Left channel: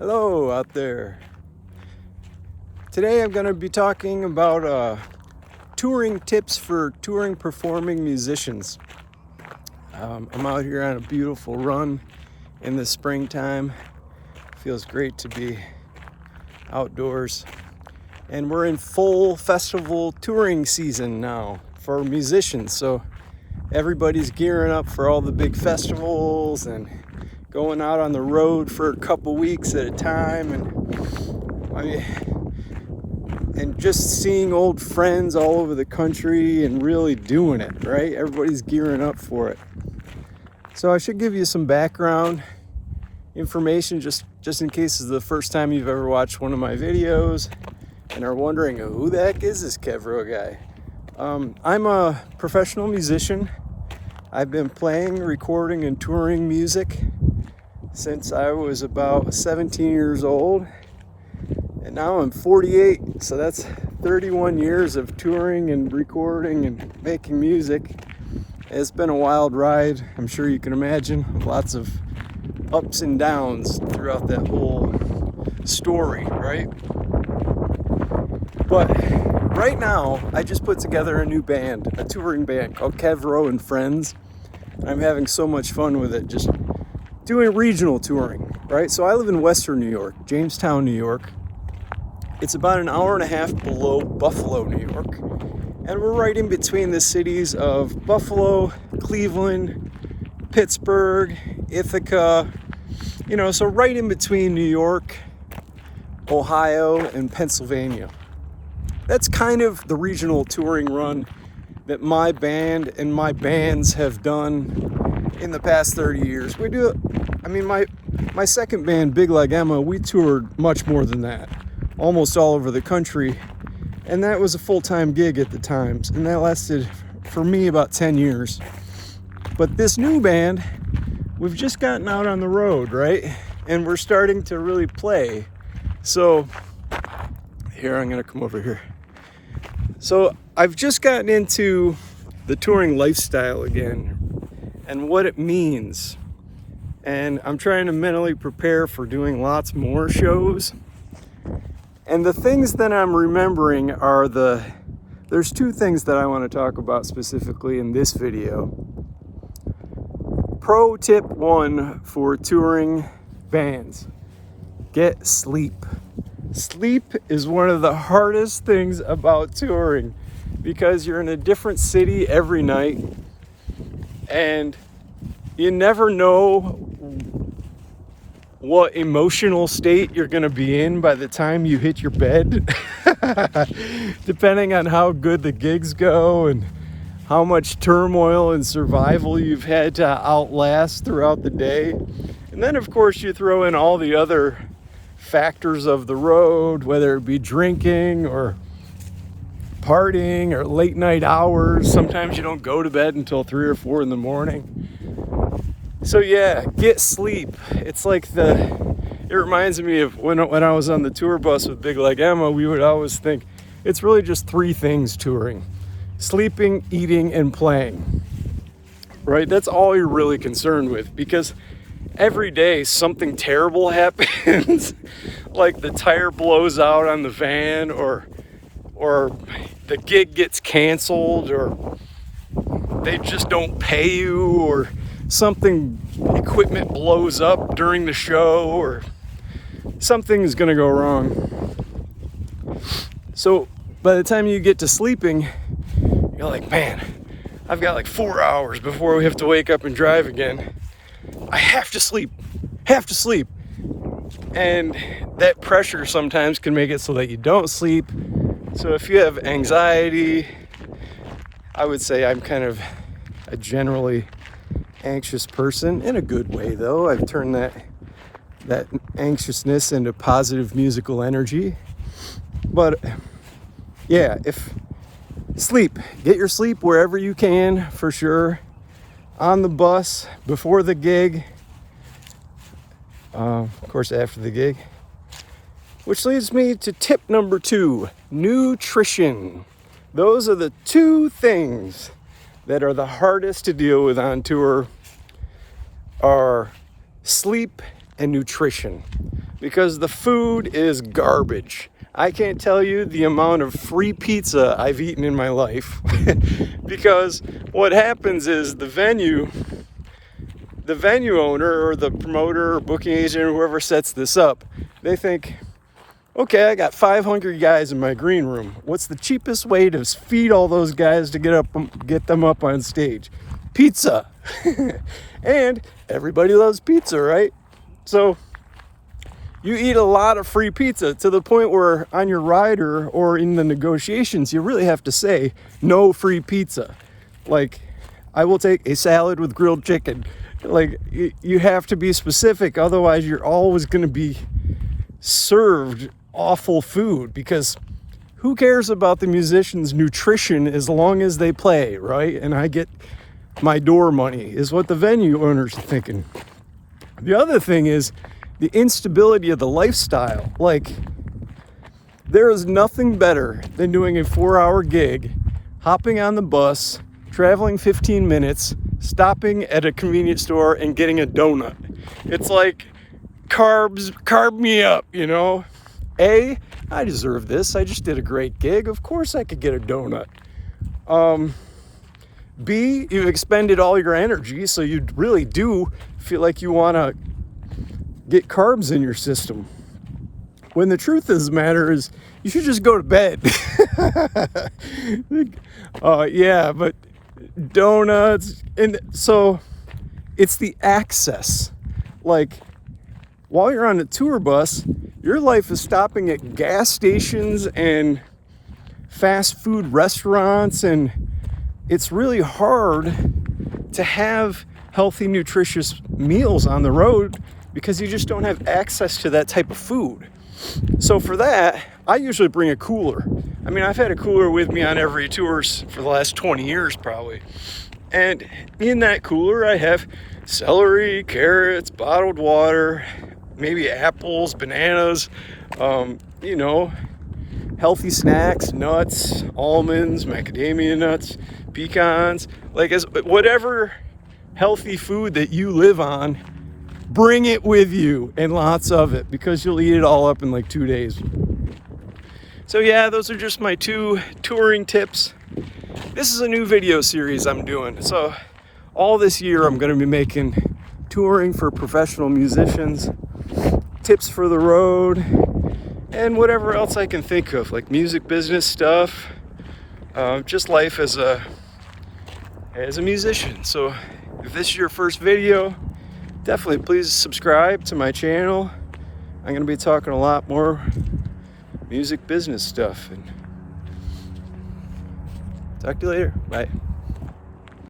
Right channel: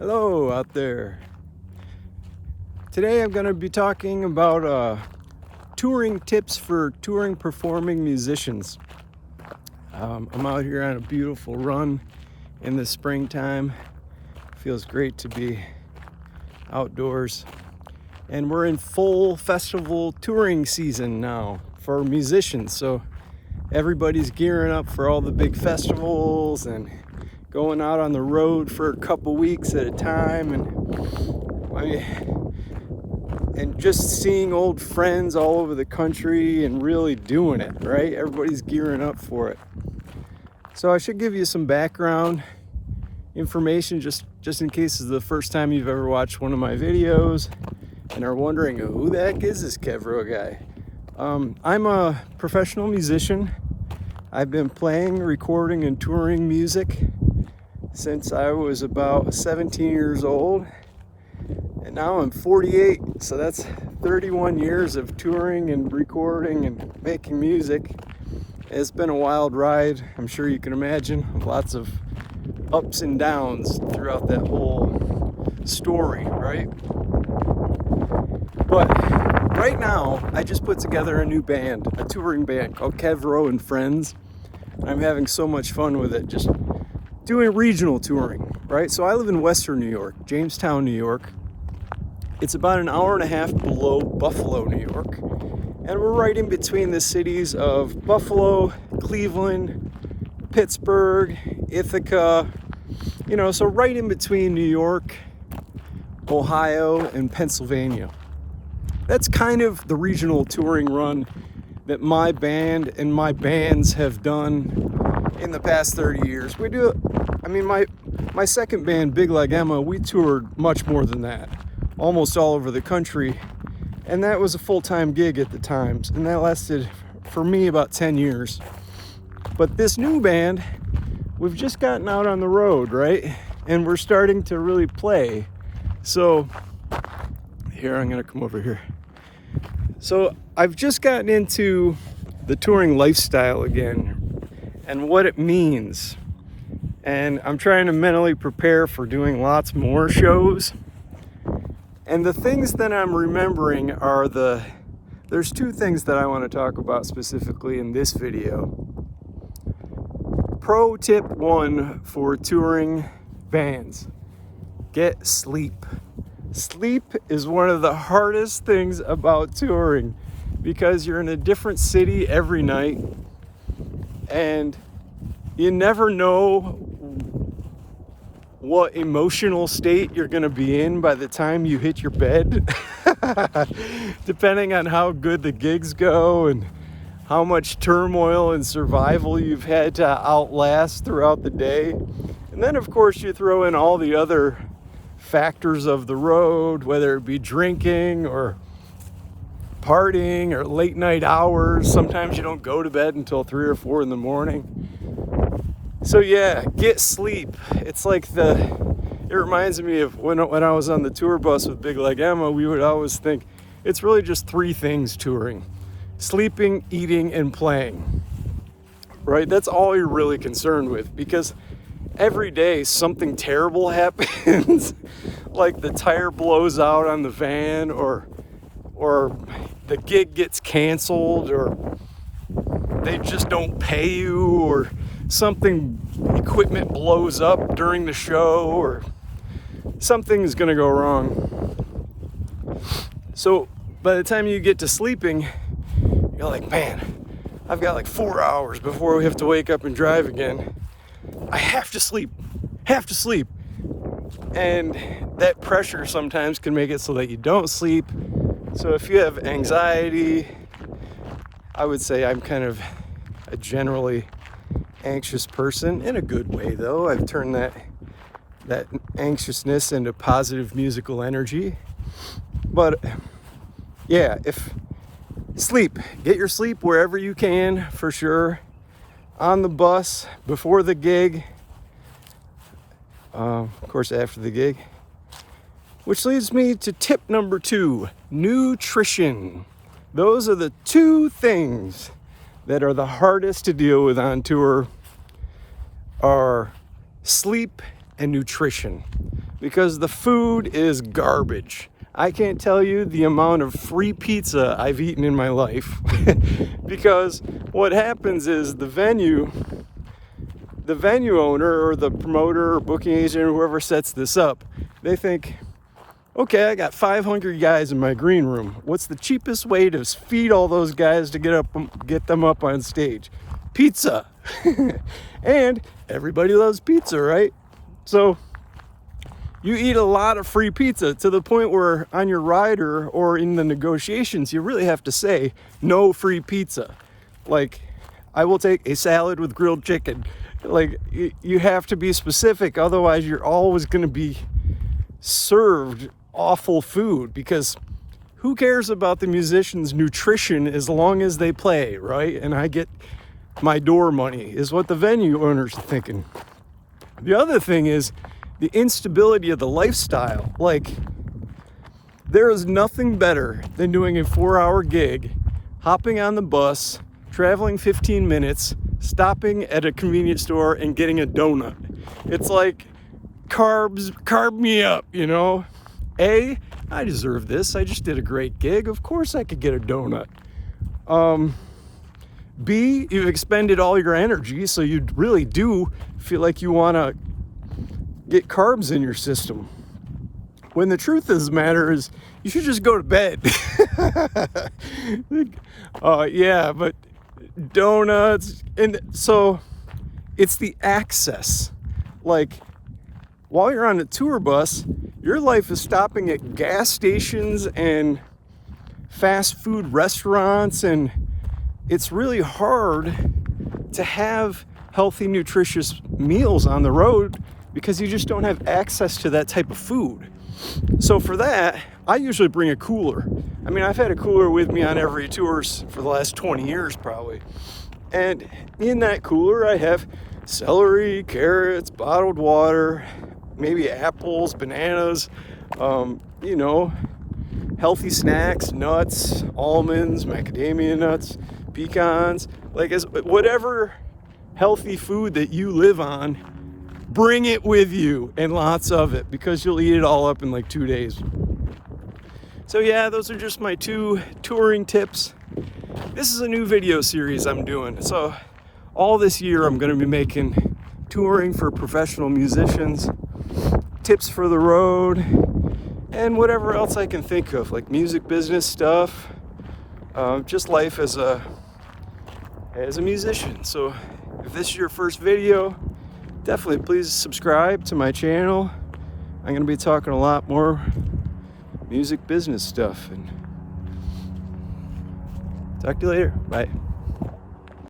Hello out there. Today I'm going to be talking about touring tips for touring performing musicians. I'm out here on a beautiful run in the springtime. Feels great to be outdoors. And we're in full festival touring season now for musicians. So everybody's gearing up for all the big festivals and going out on the road for a couple weeks at a time, and just seeing old friends all over the country and really doing it, right? Everybody's gearing up for it. So I should give you some background information just in case this is the first time you've ever watched one of my videos and are wondering who the heck is this Kevro guy. I'm a professional musician. I've been playing, recording, and touring music since I was about 17 years old, and now I'm 48, so that's 31 years of touring and recording and making music. It's been a wild ride, I'm sure you can imagine. Lots of ups and downs throughout that whole story, right? But right now, I just put together a new band, a touring band called Kevro and Friends. I'm having so much fun with it, just doing regional touring, right? So I live in Western New York, Jamestown, New York. It's about an hour and a half below Buffalo, New York. And we're right in between the cities of Buffalo, Cleveland, Pittsburgh, Ithaca, so right in between New York, Ohio, and Pennsylvania. That's kind of the regional touring run that my band and my bands have done in the past 30 years. My second band, Big Like Emma, we toured much more than that, almost all over the country, and that was a full-time gig at the times, and that lasted for me about 10 years. But this new band, we've just gotten out on the road, right? And we're starting to really play. So here, I'm gonna come over here. So I've just gotten into the touring lifestyle again and what it means. And I'm trying to mentally prepare for doing lots more shows. And the things that I'm remembering are there's two things that I want to talk about specifically in this video. Pro tip 1 for touring bands: get sleep. Sleep is one of the hardest things about touring because you're in a different city every night and you never know what emotional state you're going to be in by the time you hit your bed, depending on how good the gigs go and how much turmoil and survival you've had to outlast throughout the day. And then, of course, you throw in all the other factors of the road, whether it be drinking or partying or late night hours. Sometimes you don't go to bed until 3 or 4 in the morning. So yeah, get sleep. It's like it reminds me of when I was on the tour bus with Big Like Emma, we would always think it's really just 3 things touring: sleeping, eating, and playing, right? That's all you're really concerned with, because every day something terrible happens, like the tire blows out on the van, or the gig gets canceled, or they just don't pay you, or equipment blows up during the show, or something is gonna go wrong. So by the time you get to sleeping, you're like, man, I've got like 4 hours before we have to wake up and drive again. I have to sleep. And that pressure sometimes can make it so that you don't sleep. So if you have anxiety, I would say I'm kind of a generally anxious person, in a good way though. I've turned that anxiousness into positive musical energy. But yeah, get your sleep wherever you can, for sure. On the bus, before the gig, of course after the gig. Which leads me to tip number 2, nutrition. Those are the 2 things that are the hardest to deal with on tour, are sleep and nutrition. because the food is garbage. I can't tell you the amount of free pizza I've eaten in my life because what happens is the venue owner or the promoter or booking agent or whoever sets this up, they think, okay, I got 500 guys in my green room. What's the cheapest way to feed all those guys to get them up on stage? Pizza. And everybody loves pizza, right? So you eat a lot of free pizza to the point where on your rider or in the negotiations, you really have to say no free pizza. Like, I will take a salad with grilled chicken. Like, you have to be specific, otherwise you're always going to be served awful food, because who cares about the musician's nutrition as long as they play, right? And I get my door money, is what the venue owners are thinking. The other thing is the instability of the lifestyle. Like, there is nothing better than doing a 4-hour gig, hopping on the bus, traveling 15 minutes, stopping at a convenience store and getting a donut. It's like, carb me up, you know? A, I deserve this. I just did a great gig. Of course I could get a donut. B, you've expended all your energy, so you really do feel like you want to get carbs in your system. When the truth of the matter is, you should just go to bed. Yeah, but donuts, and so it's the access. Like, while you're on a tour bus, your life is stopping at gas stations and fast food restaurants, and it's really hard to have healthy, nutritious meals on the road because you just don't have access to that type of food. So for that, I usually bring a cooler. I mean, I've had a cooler with me on every tours for the last 20 years probably. And in that cooler, I have celery, carrots, bottled water, maybe apples, bananas, you know, healthy snacks, nuts, almonds, macadamia nuts, pecans, like whatever healthy food that you live on, bring it with you, and lots of it, because you'll eat it all up in like 2 days. So yeah, those are just my 2 touring tips. This is a new video series I'm doing. So all this year I'm going to be making touring for professional musicians, tips for the road, and whatever else I can think of, like music business stuff, just life as a musician. So if this is your first video, definitely please subscribe to my channel. I'm going to be talking a lot more music business stuff. And talk to you later. Bye.